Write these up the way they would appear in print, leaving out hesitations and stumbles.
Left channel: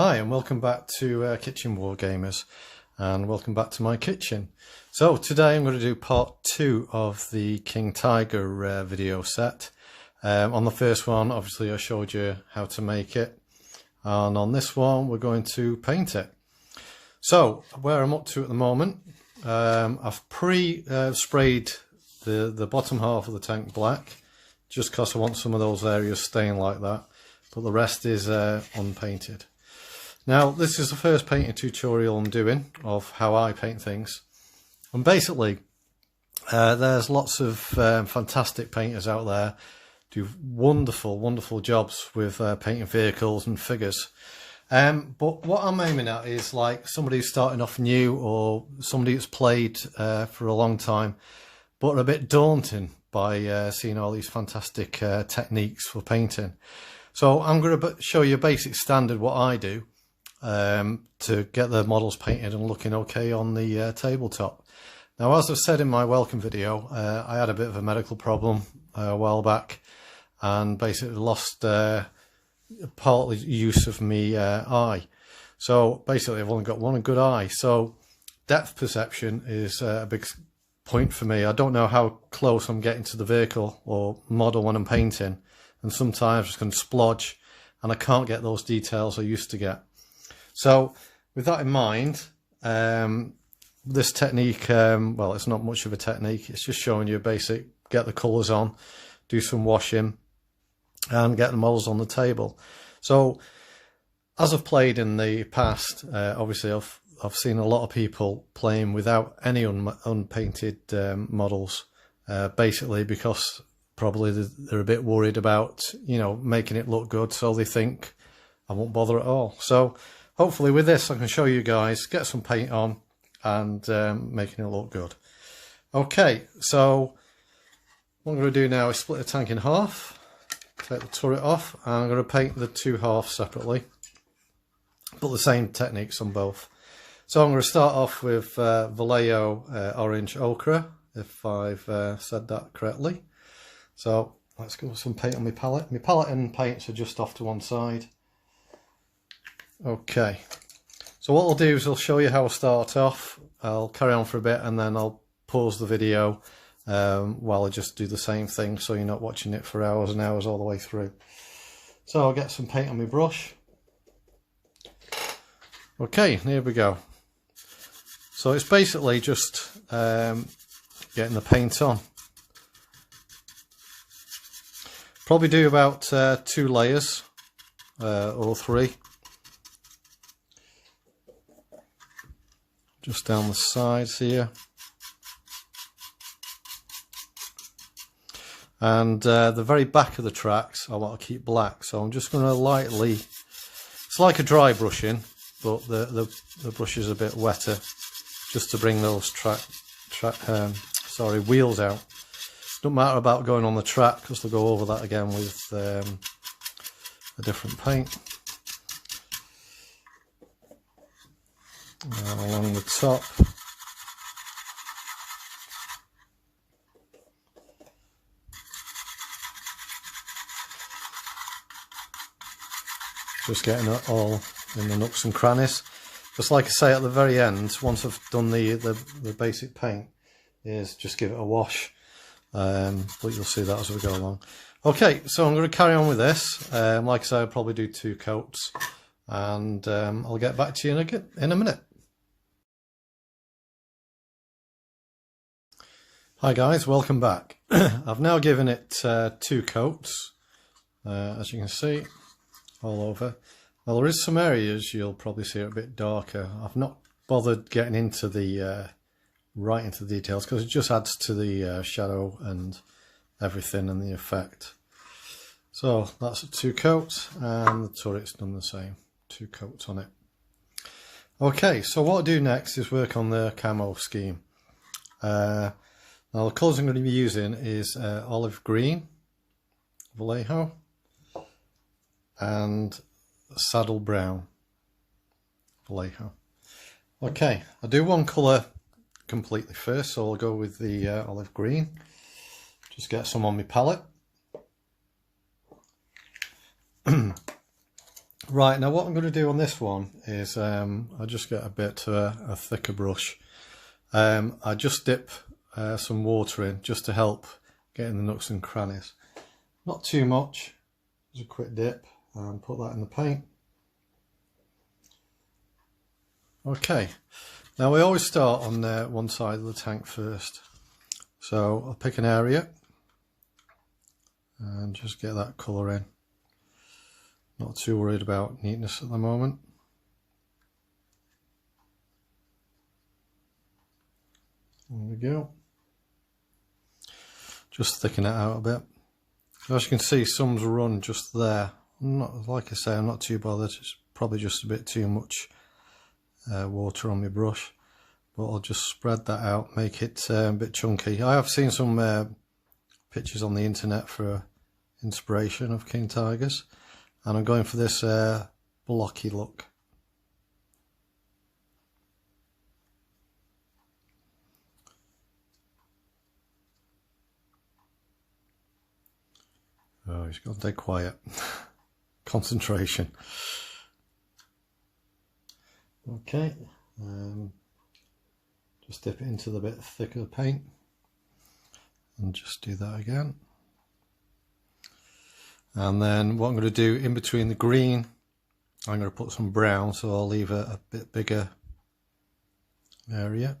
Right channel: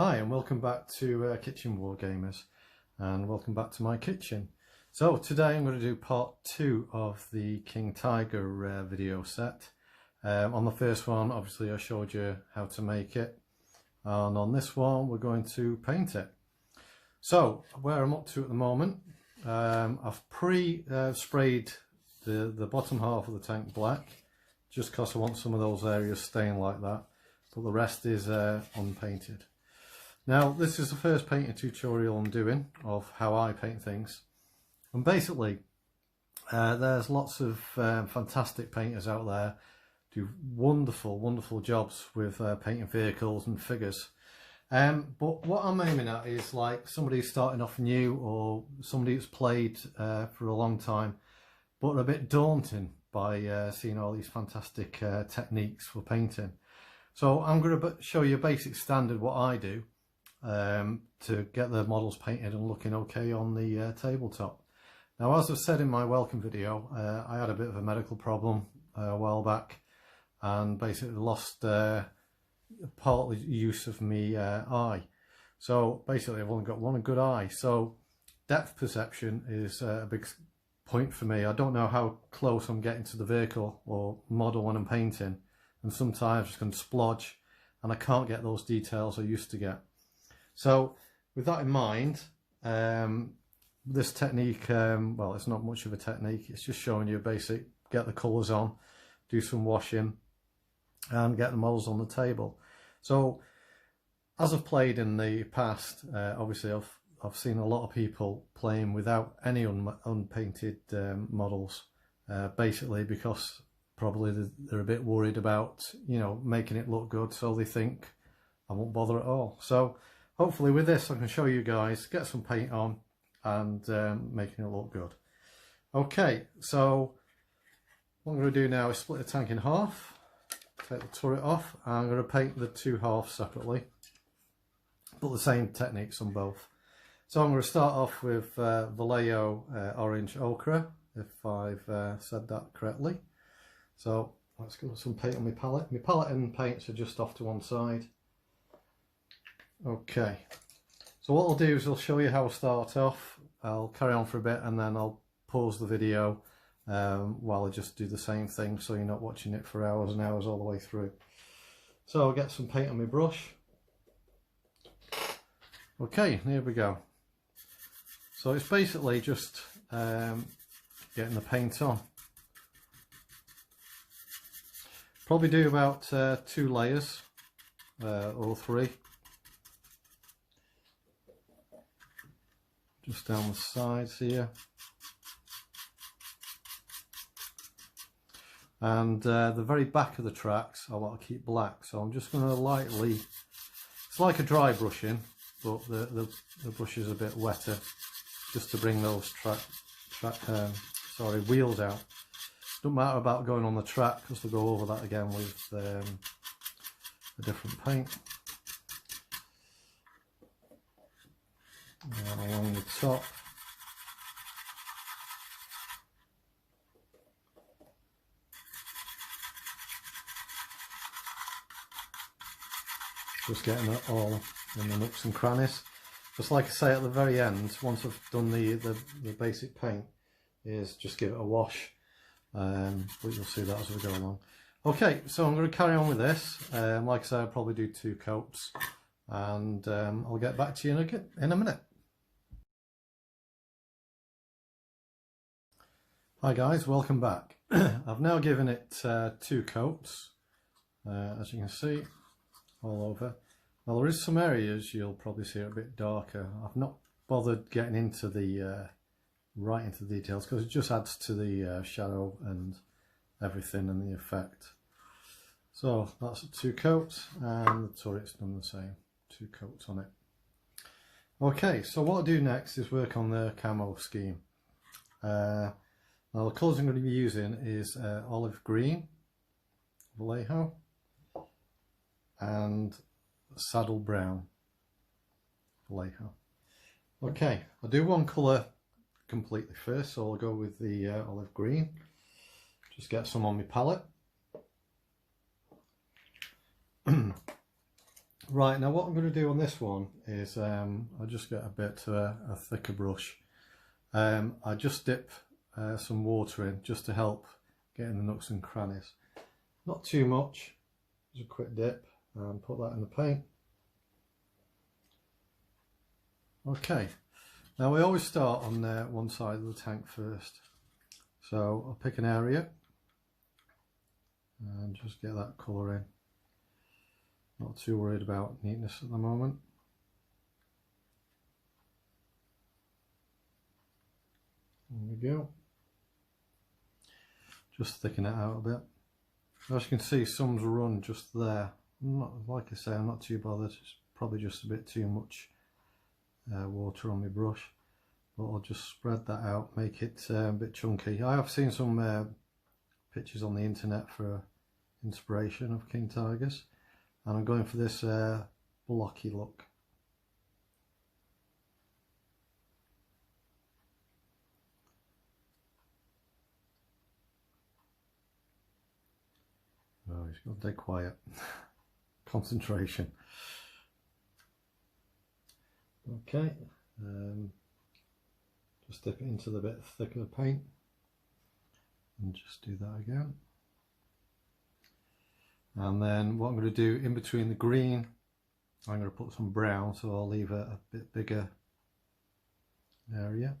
Hi and welcome back to Kitchen Wargamers, and welcome back to my kitchen. So today I'm going to do part 2 of the King Tiger video set. On the first one obviously I showed you how to make it, and on this one we're going to paint it. So where I'm up to at the moment, I've sprayed the bottom half of the tank black just because I want some of those areas staying like that, but the rest is unpainted. Now, this is the first painting tutorial I'm doing of how I paint things. And basically, there's lots of fantastic painters out there do wonderful, wonderful jobs with painting vehicles and figures. But what I'm aiming at is like somebody who's starting off new, or somebody who's played for a long time, but are a bit daunting by seeing all these fantastic techniques for painting. So I'm going to show you a basic standard what I do to get the models painted and looking okay on the tabletop. Now, as I've said in my welcome video, I had a bit of a medical problem a while back and basically lost partly use of me eye. So basically I've only got one good eye, so depth perception is a big point for me. I don't know how close I'm getting to the vehicle or model when I'm painting, and sometimes I can splodge and I can't get those details I used to get. So with that in mind, this technique, well, it's not much of a technique, it's just showing you a basic, get the colours on, do some washing and get the models on the table. So as I've played in the past, obviously I've seen a lot of people playing without any unpainted models, basically because probably they're a bit worried about, you know, making it look good, so they think I won't bother at all. So hopefully with this I can show you guys, get some paint on and making it look good. Okay, so what I'm going to do now is split the tank in half, take the turret off, and I'm going to paint the two halves separately, but the same techniques on both. So I'm going to start off with Vallejo Orange Ochre, if I've said that correctly. So let's go with some paint on my palette. My palette and paints are just off to one side. Okay, so what I'll do is I'll show you how I start off. I'll carry on for a bit and then I'll pause the video while I just do the same thing, so you're not watching it for hours and hours all the way through. So I'll get some paint on my brush. Okay, here we go. So it's basically just getting the paint on. Probably do about 2 layers or 3. Just down the sides here. And the very back of the tracks I want to keep black, so I'm just going to lightly, it's like a dry brushing, but the brush is a bit wetter, just to bring those wheels out. Don't matter about going on the track, because they'll go over that again with a different paint. Along the top. Just getting it all in the nooks and crannies. Just like I say at the very end, once I've done the basic paint, is just give it a wash. But you'll see that as we go along. Okay, so I'm going to carry on with this. Like I say, I'll probably do 2 coats, and I'll get back to you in a minute. Hi guys, welcome back. I've now given it 2 coats, as you can see, all over. Well, there is some areas you'll probably see are a bit darker. I've not bothered getting into the right into the details, because it just adds to the shadow and everything and the effect. So that's 2 coats, and the turret's done the same, 2 coats on it. Okay, so what I'll do next is work on the camo scheme. Now the colours I'm going to be using is olive green, Vallejo, and saddle brown, Vallejo. Okay, I'll do one colour completely first, so I'll go with the olive green. Just get some on my palette. Right, now what I'm going to do on this one is I'll just get a bit a thicker brush. I just dip some water in just to help get in the nooks and crannies. Not too much, just a quick dip and put that in the paint. Okay, now we always start on one side of the tank first. So I'll pick an area and just get that colour in. Not too worried about neatness at the moment. There we go. Just thicken it out a bit. As you can see, some's run just there. Like I say, I'm not too bothered. It's probably just a bit too much water on my brush, but I'll just spread that out, make it a bit chunky. I have seen some pictures on the internet for inspiration of king tigers, and I'm going for this blocky look. Oh, he's gone dead quiet. Concentration. Okay, just dip it into the bit thicker paint and just do that again. And then what I'm going to do in between the green, I'm going to put some brown, so I'll leave a bit bigger area.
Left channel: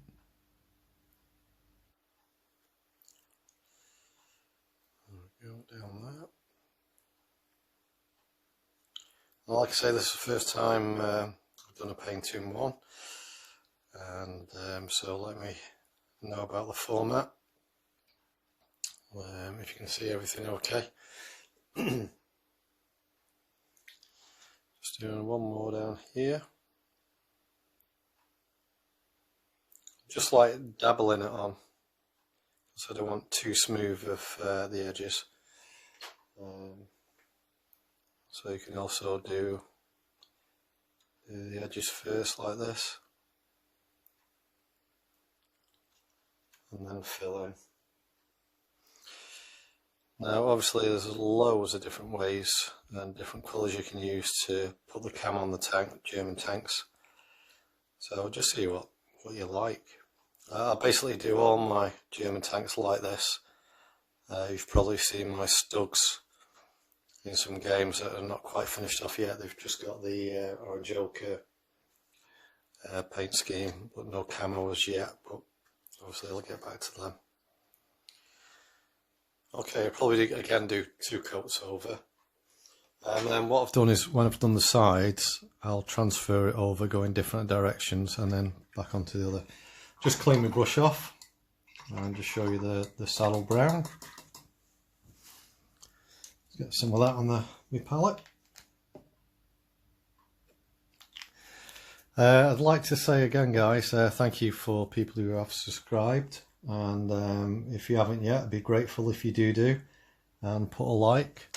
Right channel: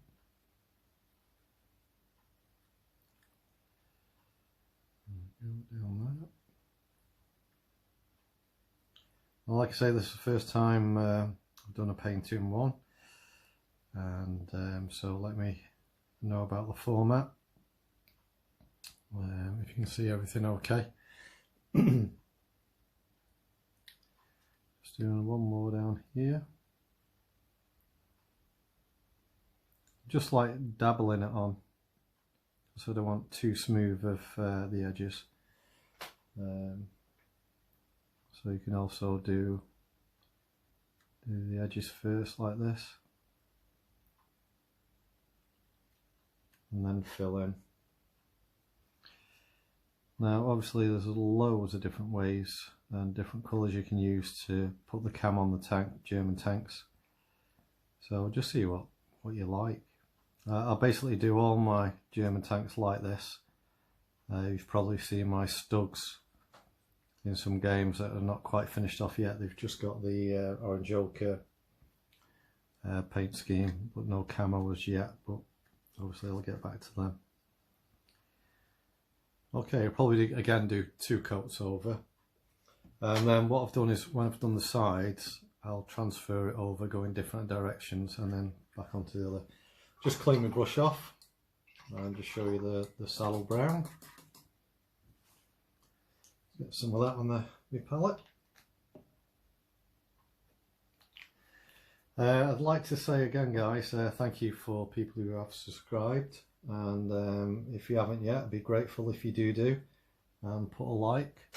Go down there. And like I say, this is the first time I've done a paint in one, and so let me know about the format. If you can see everything okay. Just doing one more down here, just like dabbling it on, so I don't want too smooth of the edges. So you can also do the edges first like this, and then fill in. Now obviously there's loads of different ways and different colours you can use to put the cam on the tank, German tanks. So just see what you like. I basically do all my German tanks like this. You've probably seen my stugs in some games that are not quite finished off yet. They've just got the orange ochre paint scheme, but no camo as yet, but obviously I'll get back to them. Okay, I'll probably again do 2 coats over, and then what I've done is when I've done the sides, I'll transfer it over, go in different directions, and then back onto the other. Just clean my brush off and just show you the saddle brown. Get some of that on my palette. I'd like to say again, guys, thank you for people who have subscribed, and if you haven't yet, I'd be grateful if you do and put a like.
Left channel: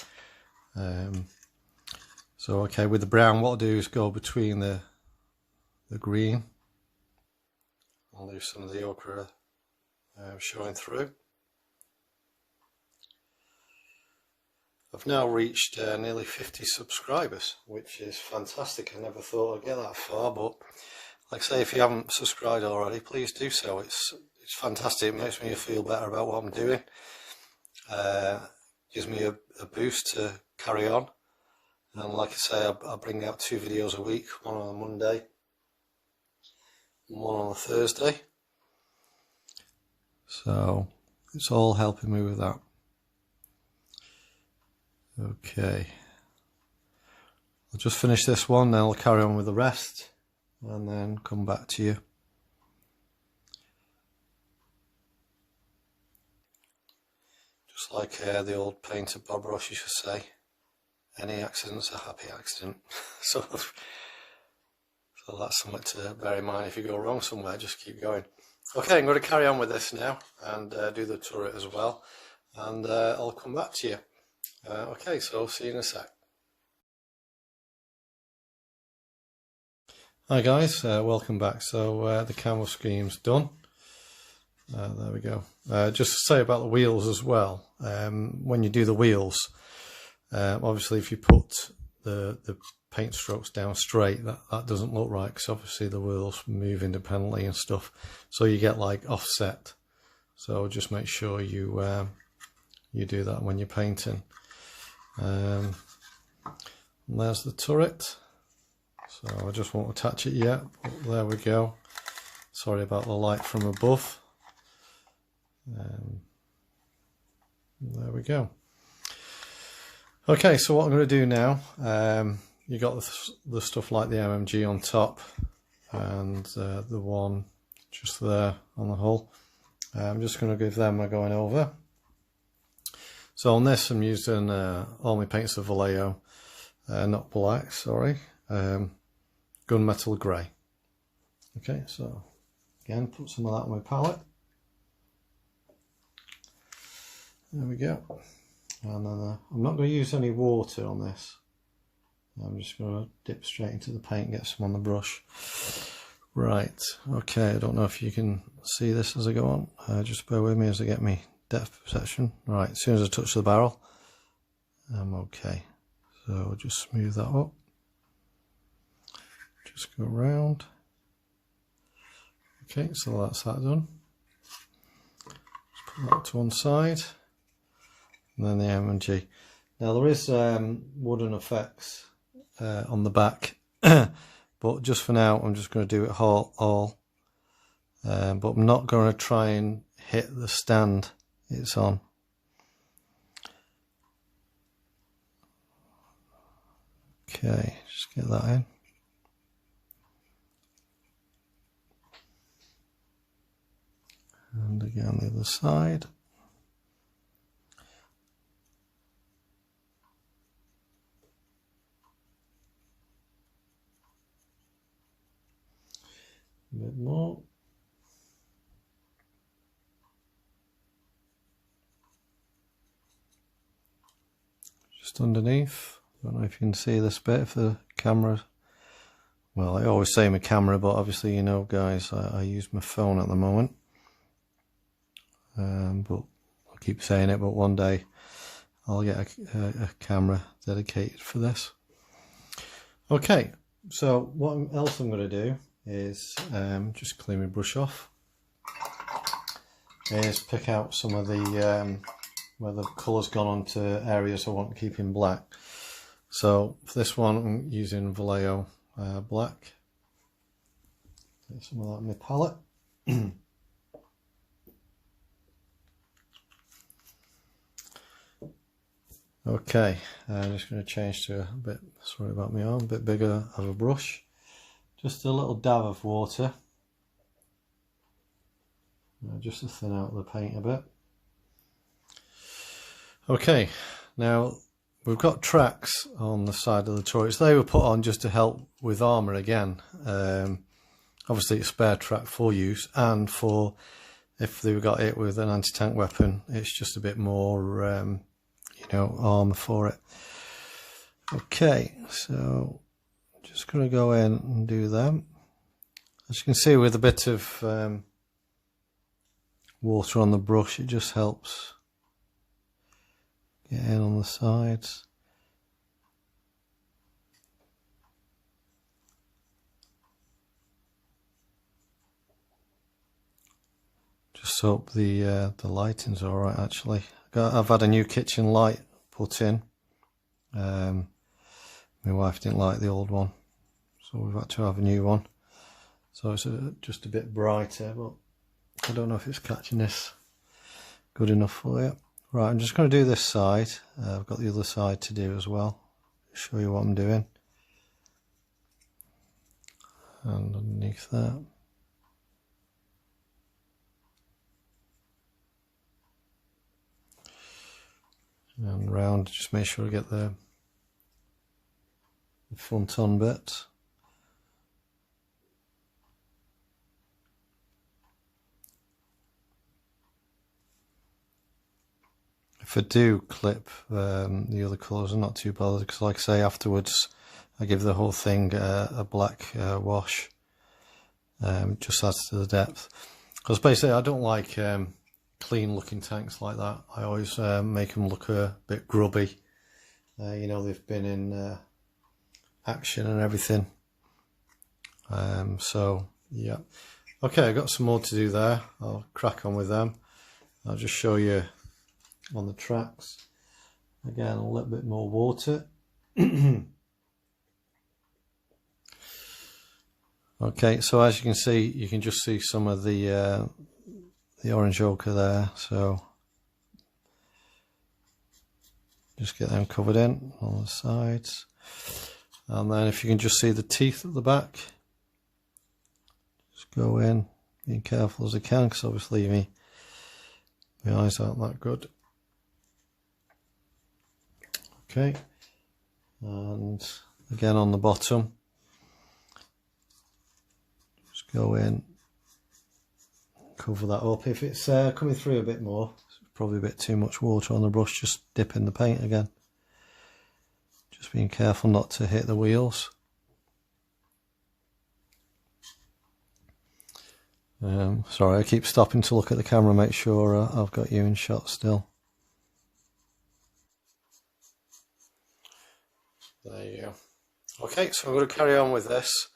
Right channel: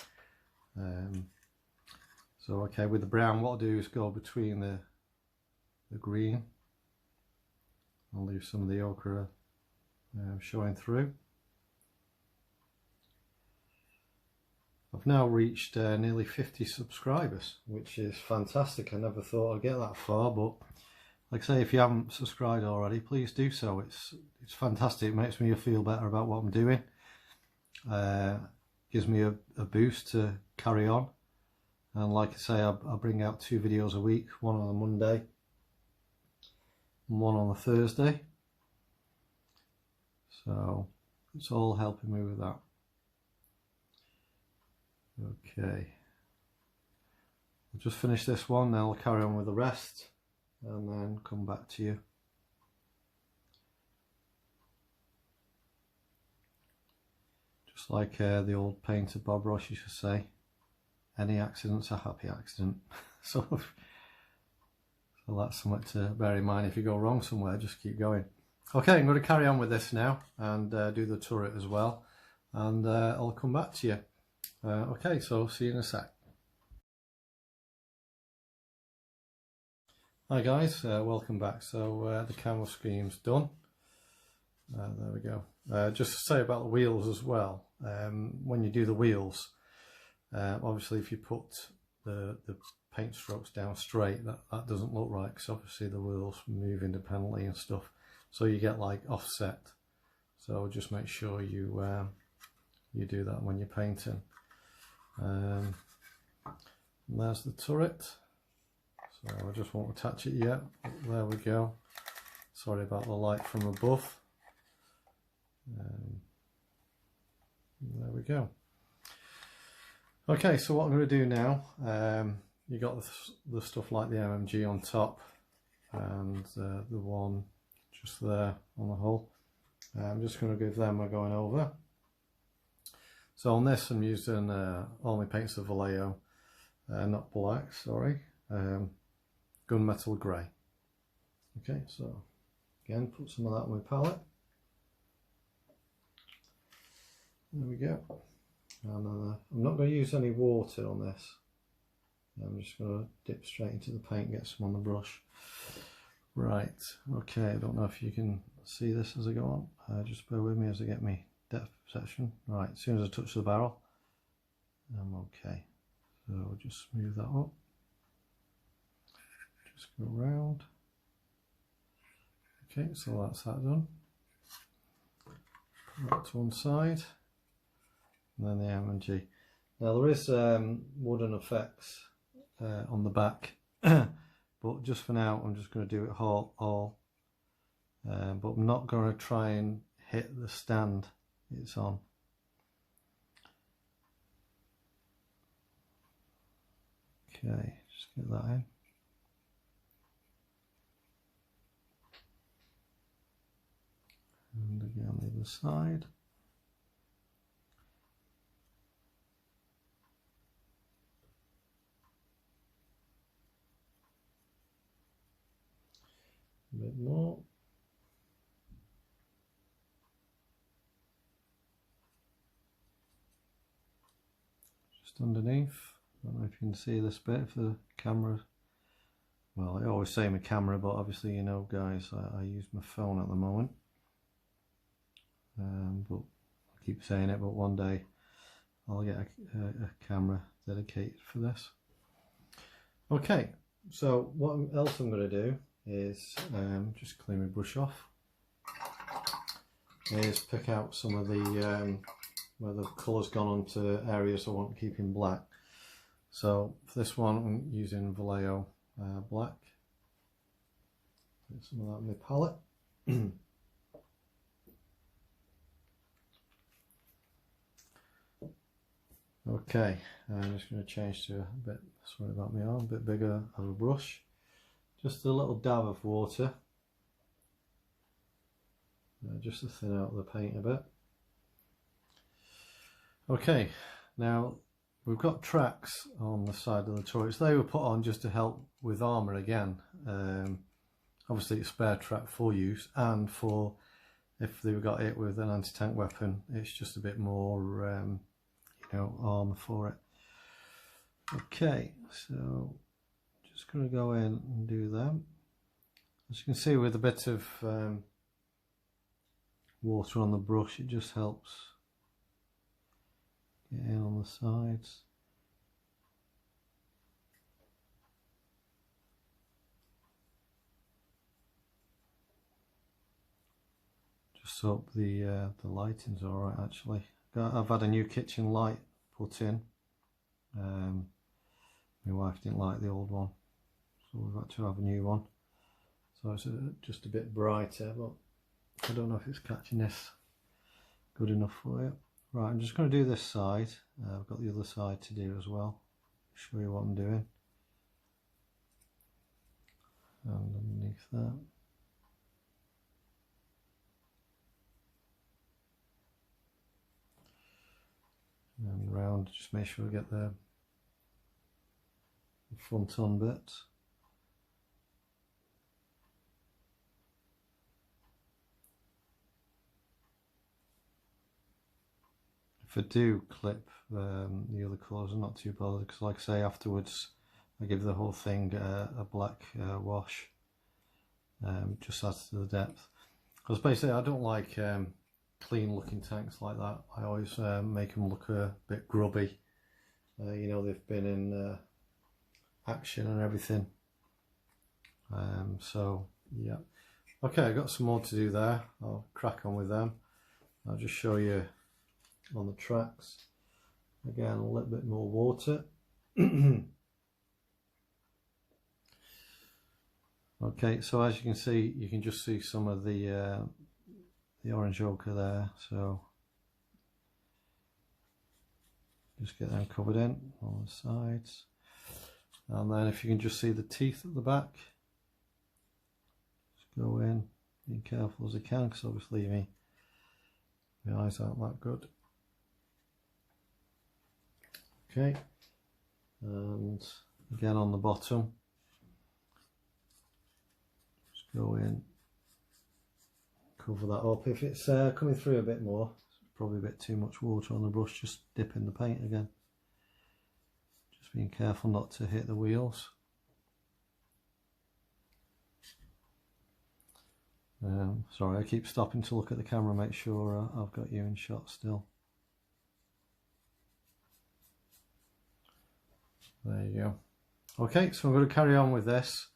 So okay, with the brown, what I'll do is go between the green. I'll leave some of the ochre showing through. I've now reached nearly 50 subscribers, which is fantastic. I never thought I'd get that far, but like I say, if you haven't subscribed already, please do so. It's fantastic. It makes me feel better about what I'm doing. Gives me a boost to carry on. And like I say, I bring out 2 videos a week, one on a Monday and one on a Thursday. So it's all helping me with that. Okay, I'll just finish this one, then I'll carry on with the rest and then come back to you. Just like the old painter Bob Ross used to say, any accident's a happy accident. so that's something to bear in mind. If you go wrong somewhere, just keep going. Okay, I'm going to carry on with this now and do the turret as well, and I'll come back to you. Okay, so see you in a sec. Hi guys, welcome back. So the camo scheme's done. There we go. Just to say about the wheels as well, when you do the wheels, obviously if you put the paint strokes down straight, that doesn't look right, because obviously the wheels move independently and stuff, so you get like offset. So just make sure you you do that when you're painting. And there's the turret. So I just won't attach it yet, but there we go. Sorry about the light from above. There we go. Okay, so what I'm going to do now, you got the stuff like the MMG on top and the one just there on the hull. I'm just going to give them a going over. So on this I'm using all my paints of Vallejo, not black, sorry, gunmetal grey. Okay, so again, put some of that on my palette. There we go. And then I'm not going to use any water on this. I'm just going to dip straight into the paint and get some on the brush. Right, okay, I don't know if you can see this as I go on. Just bear with me as I get my depth perception. Right, as soon as I touch the barrel, I'm okay. So I'll just smooth that up. Just go around. Okay, so that's that done. Just put that to one side. And then the M&G. Now there is wooden effects on the back, but just for now I'm just going to do it all. But I'm not going to try and hit the stand it's on. Okay, just get that in. And again the other side. A bit more. Just underneath. I don't know if you can see this bit for the camera. Well, I always say my camera, but obviously you know guys, I use my phone at the moment. But I'll keep saying it, but one day I'll get a camera dedicated for this. Okay, so what else I'm going to do is just clean my brush off, is pick out some of the where the colour's gone onto areas I want to keep in black. So for this one I'm using Vallejo black. Get some of that in my palette. Okay, I'm just going to change to a bit, sorry about my arm, a bit bigger of a brush. Just a little dab of water, just to thin out the paint a bit. Okay, now we've got tracks on the side of the turrets. They were put on just to help with armour again. Obviously it's a spare track for use, and for if they got it with an anti-tank weapon, it's just a bit more you know, armour for it. Okay, so just going to go in and do them. As you can see, with a bit of water on the brush, it just helps get in on the sides. Just hope the lighting's all right. Actually, I've had a new kitchen light put in. My wife didn't like the old one, so we've had to have a new one. So it's just a bit brighter, but I don't know if it's catching this good enough for you. Right, I'm just going to do this side. I've got the other side to do as well. Show you what I'm doing. And underneath that. And round, just make sure I get the front on bit. If I do clip the other colours, I'm not too bothered, because like I say, afterwards I give the whole thing a black wash. Just adds to the depth, because basically I don't like clean looking tanks like that. I always make them look a bit grubby. You know, they've been in action and everything. So yeah, okay, I've got some more to do there. I'll crack on with them. I'll just show you on the tracks again, a little bit more water. Okay, so as you can see, you can just see some of the orange ochre there, so just get them covered in on the sides. And then if you can just see the teeth at the back, just go in, being careful as I can, because obviously my eyes aren't that good. Okay, and again on the bottom, just go in, cover that up. If it's coming through a bit more, it's probably a bit too much water on the brush, just dip in the paint again. Just being careful not to hit the wheels. Sorry, I keep stopping to look at the camera, make sure I've got you in shot still. There you go. Okay, so I'm going to carry on with this.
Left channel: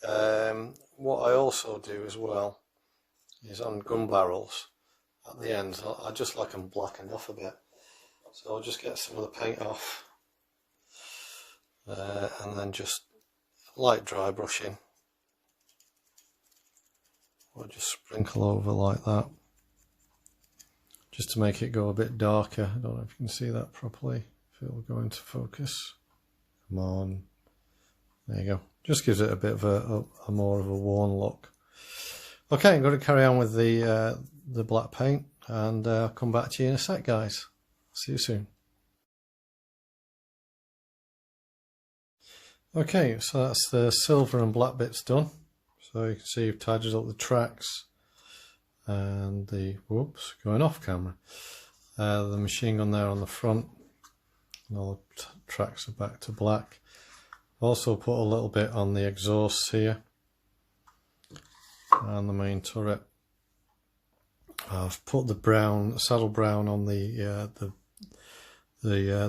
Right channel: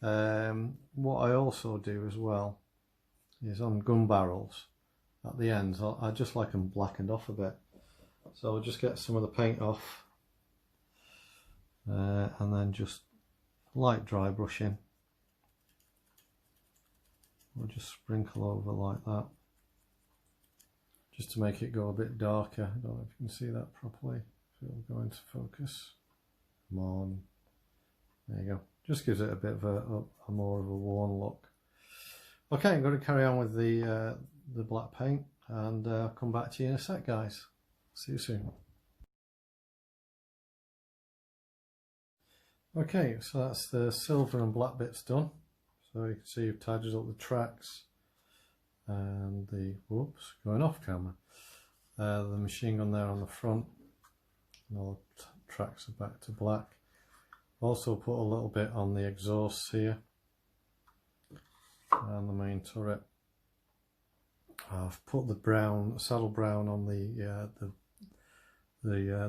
What I also do as well is on gun barrels at the end, I just like them blackened off a bit. So I'll just get some of the paint off and then just light dry brushing. I'll just sprinkle over like that, just to make it go a bit darker. I don't know if you can see that properly, if it will go into focus. Come on, there you go. Just gives it a bit of a more of a worn look. Okay, I'm going to carry on with the black paint, and I'll come back to you in a sec, guys. See you soon. Okay, so that's the silver and black bits done. So you can see you've tidied up the tracks and the, whoops, going off camera. The machine gun there on the front, and all the tracks are back to black. Also put a little bit on the exhausts here and the main turret. I've put the brown, saddle brown on the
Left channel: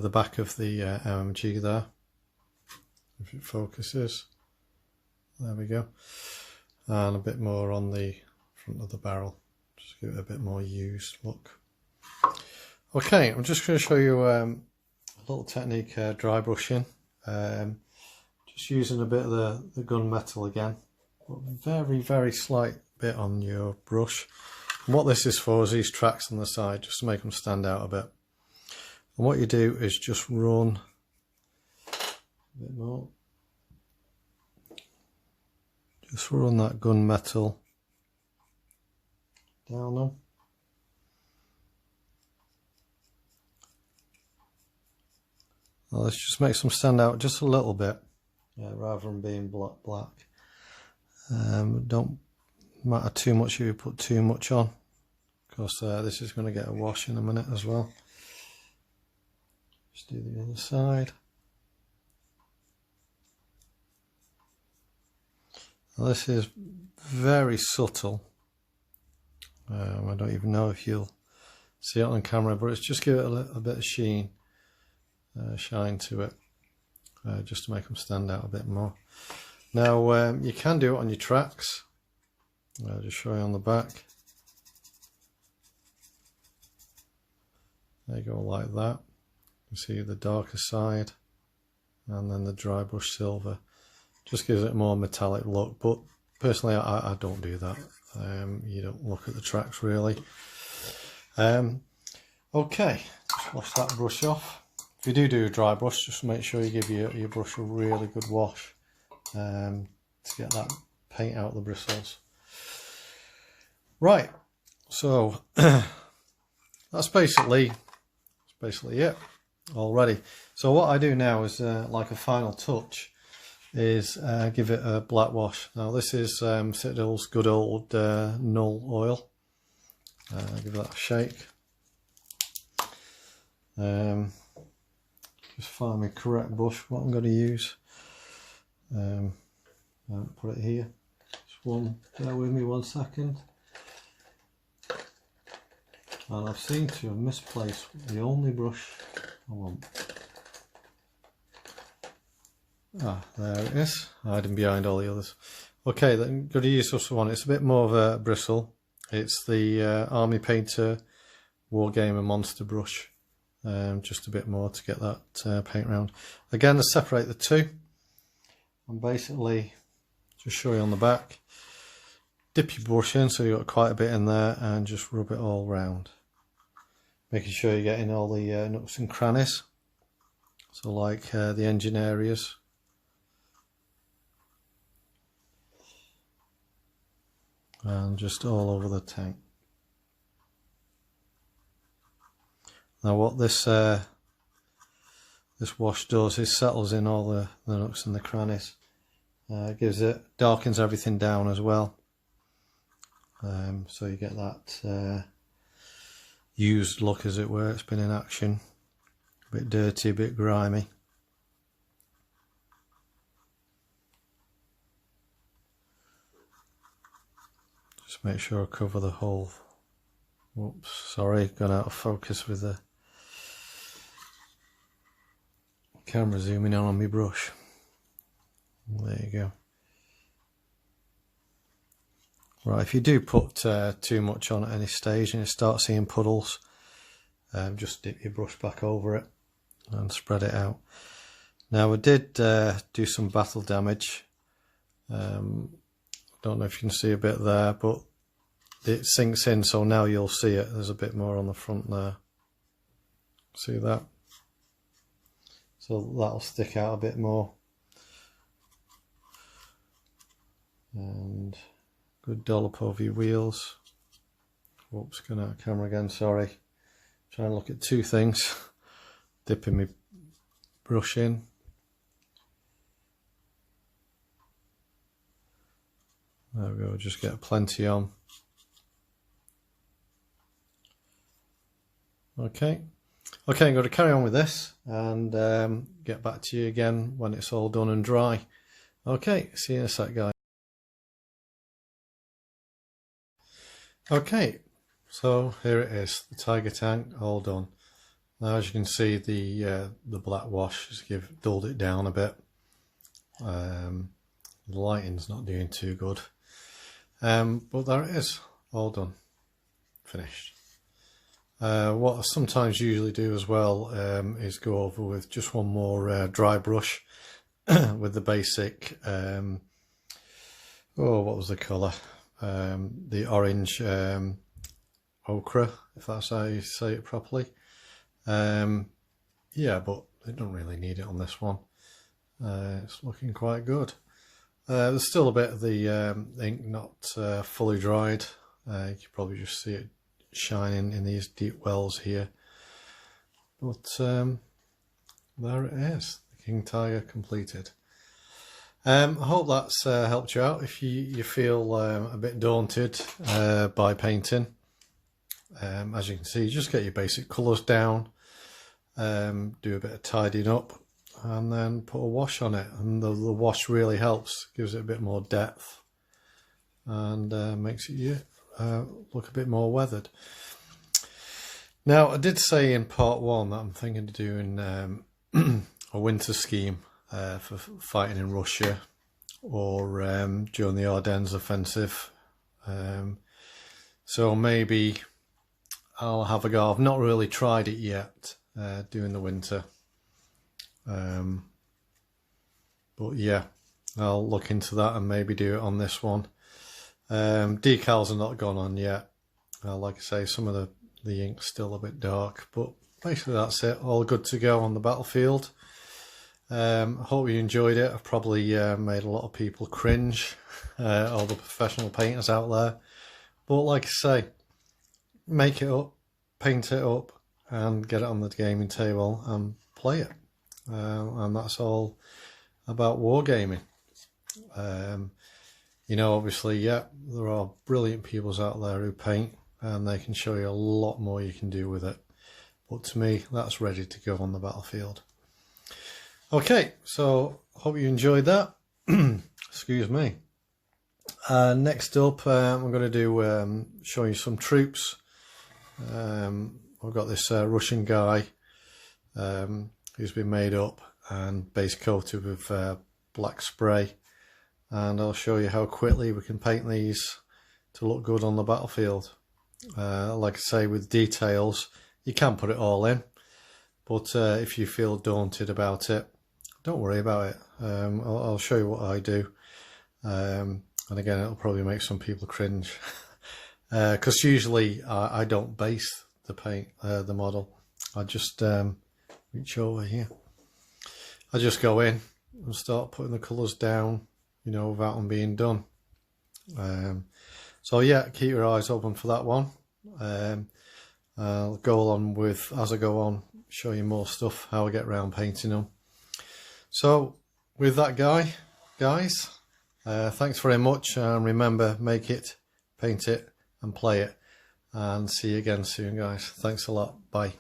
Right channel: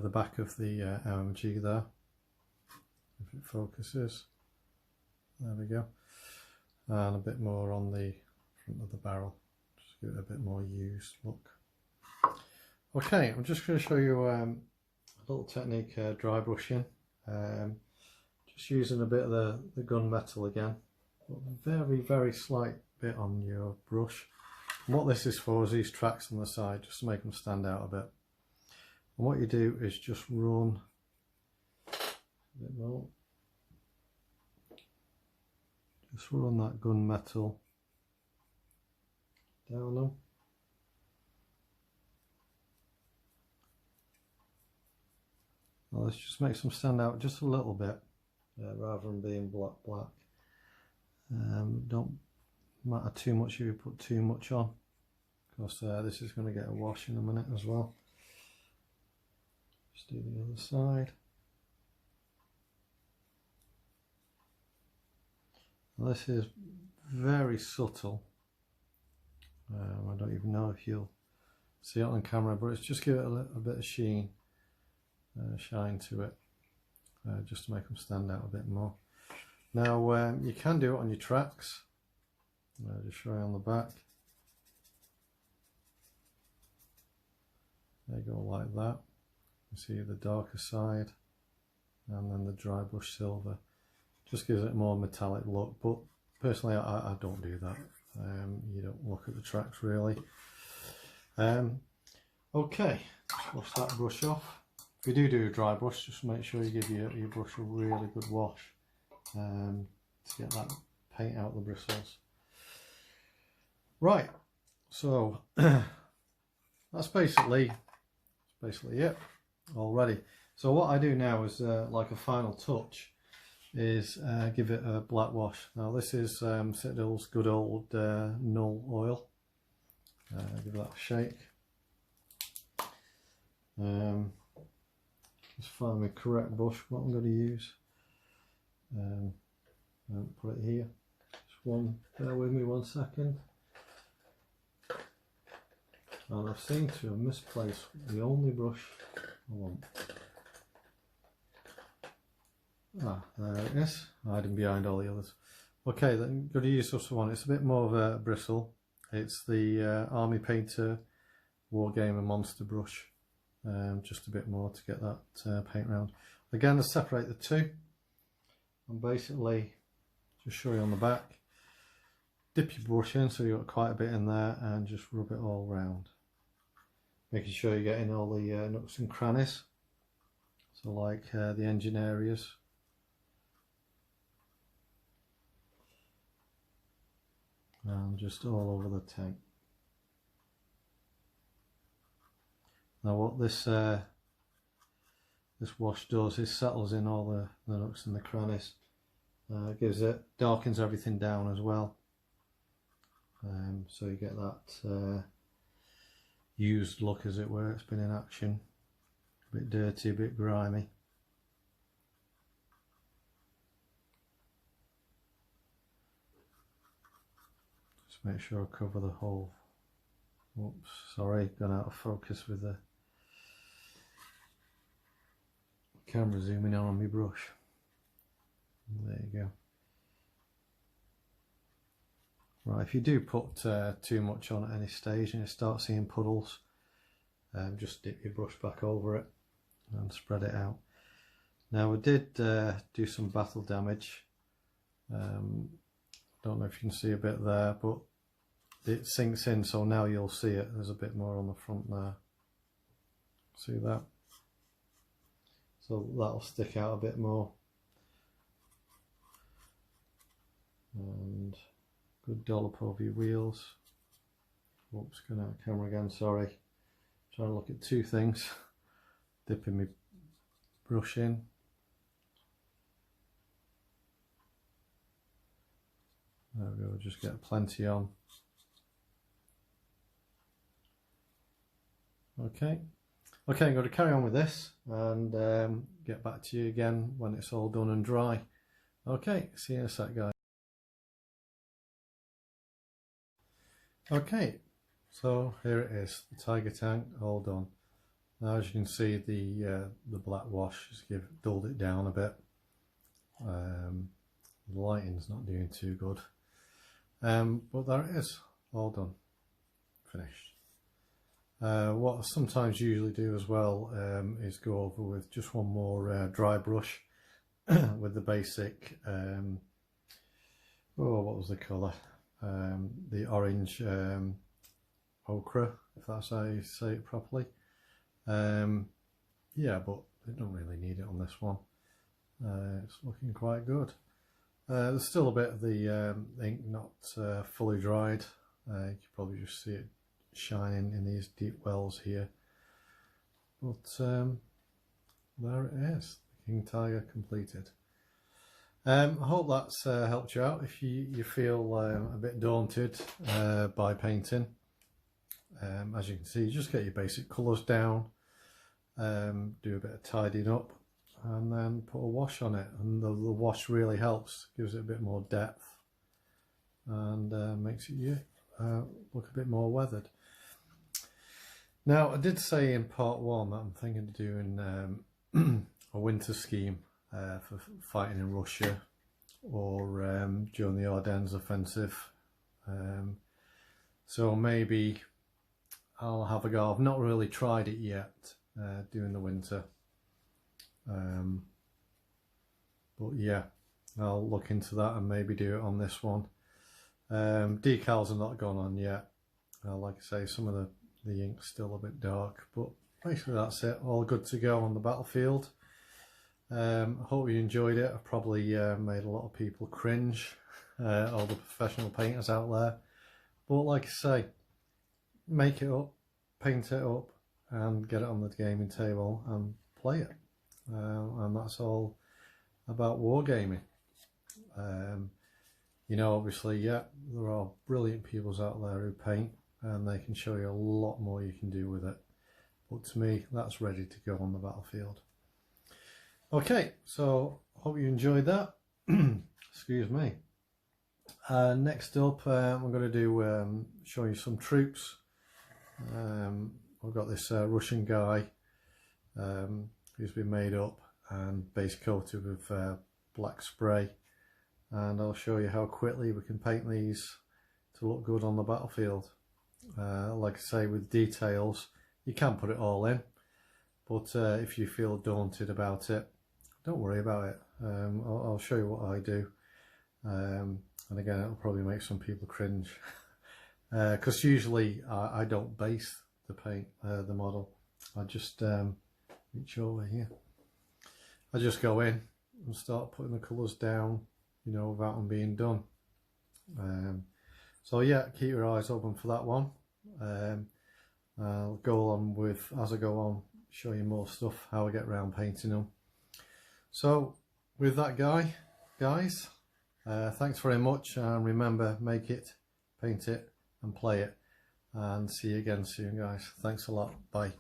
back of the MMG there. If it focuses, there we go. And a bit more on the front of the barrel, just give it a bit more used look. Okay, I'm just going to show you a little technique, dry brushing. Just using a bit of the gun metal again, but very slight bit on your brush. And what this is for is these tracks on the side, just to make them stand out a bit. And what you do is just run a bit more. Just run that gun metal down them. Now let's just make them stand out just a little bit, rather than being black. Don't matter too much if you put too much on, because this is going to get a wash in a minute as well. Just do the other side. Now this is very subtle. I don't even know if you'll see it on camera, but it's just give it a bit of sheen, shine to it, just to make them stand out a bit more. Now you can do it on your tracks. I'll just show you on the back. There you go, like that. You see the darker side, and then the dry brush silver. Just gives it a more metallic look, but personally I don't do that. You don't look at the tracks really. Okay, just wash that brush off. If you do a dry brush, just make sure you give your brush a really good wash to get that paint out of the bristles. Right, so that's basically it already. So what I do now is like a final touch is give it a black wash. Now this is Citadel's good old null oil. Give that a shake. Just find the correct brush what I'm going to use. I'll put it here. Just bear with me 1 second. And I seem to have misplaced the only brush I want. Ah, there it is, hiding behind all the others. Okay, then I'm going to use this one. It's a bit more of a bristle. It's the Army Painter Wargamer Monster Brush. Just a bit more to get that paint round. Again, to separate the two, and basically just show you on the back. Dip your brush in so you've got quite a bit in there, and just rub it all round, making sure you're getting all the nooks and crannies. So like the engine areas. And just all over the tank. Now what this wash does is settles in all the nooks and the crannies. Gives it, darkens everything down as well. So you get that used look, as it were. It's been in action. A bit dirty, a bit grimy. Just make sure I cover the whole. Whoops, sorry, gone out of focus with the camera zooming in on my brush. There you go. Right, if you do put too much on at any stage and you start seeing puddles, just dip your brush back over it and spread it out. Now, I did do some battle damage. Don't know if you can see a bit there, but it sinks in, so now you'll see it. There's a bit more on the front there. See that? So that'll stick out a bit more. And good dollop over your wheels. Whoops, going out of camera again, sorry. Trying to look at two things. Dipping my brush in. There we go, just get plenty on. Okay, I'm going to carry on with this and get back to you again when it's all done and dry. Okay, see you in a sec, guys. Okay, so here it is, the Tiger tank all done. Now, as you can see, the black wash has dulled it down a bit. The lighting's not doing too good, but there it is, all done, finished. What I sometimes usually do as well is go over with just one more dry brush with the basic, oh, what was the colour? The orange ochre, if that's how you say it properly. Yeah, but I don't really need it on this one. It's looking quite good. There's still a bit of the ink not fully dried. You can probably just see it shining in these deep wells here. But there it is, the King Tiger completed. I hope that's helped you out if you feel a bit daunted by painting. As you can see, just get your basic colours down, do a bit of tidying up, and then put a wash on it. And the wash really helps, gives it a bit more depth, and makes it look a bit more weathered. Now, I did say in part one that I'm thinking of doing a winter scheme for fighting in Russia or during the Ardennes offensive. So maybe I'll have a go. I've not really tried it yet, doing the winter. But yeah, I'll look into that and maybe do it on this one. Decals are not gone on yet. Like I say, some of the ink's still a bit dark, but basically that's it. All good to go on the battlefield. I hope you enjoyed it. I've probably made a lot of people cringe, all the professional painters out there. But like I say, make it up, paint it up, and get it on the gaming table and play it. And that's all about wargaming. You know, obviously, yeah, there are brilliant people out there who paint, and they can show you a lot more you can do with it. But to me, that's ready to go on the battlefield. Okay, so hope you enjoyed that. Excuse me. Next up, I'm going to do show you some troops. I've got this Russian guy who's been made up, and base coated with black spray, and I'll show you how quickly we can paint these to look good on the battlefield. Like I say, with details you can put it all in, but if you feel daunted about it, don't worry about it. I'll show you what I do, and again it'll probably make some people cringe because usually I don't base the paint, the model. I just reach over here, I just go in and start putting the colours down, you know, without them being done. So yeah, keep your eyes open for that one. I'll go along with, as I go on, show you more stuff, how I get around painting them. So with that guys, thanks very much, and remember, make it, paint it and play it, and see you again soon guys. Thanks a lot, bye.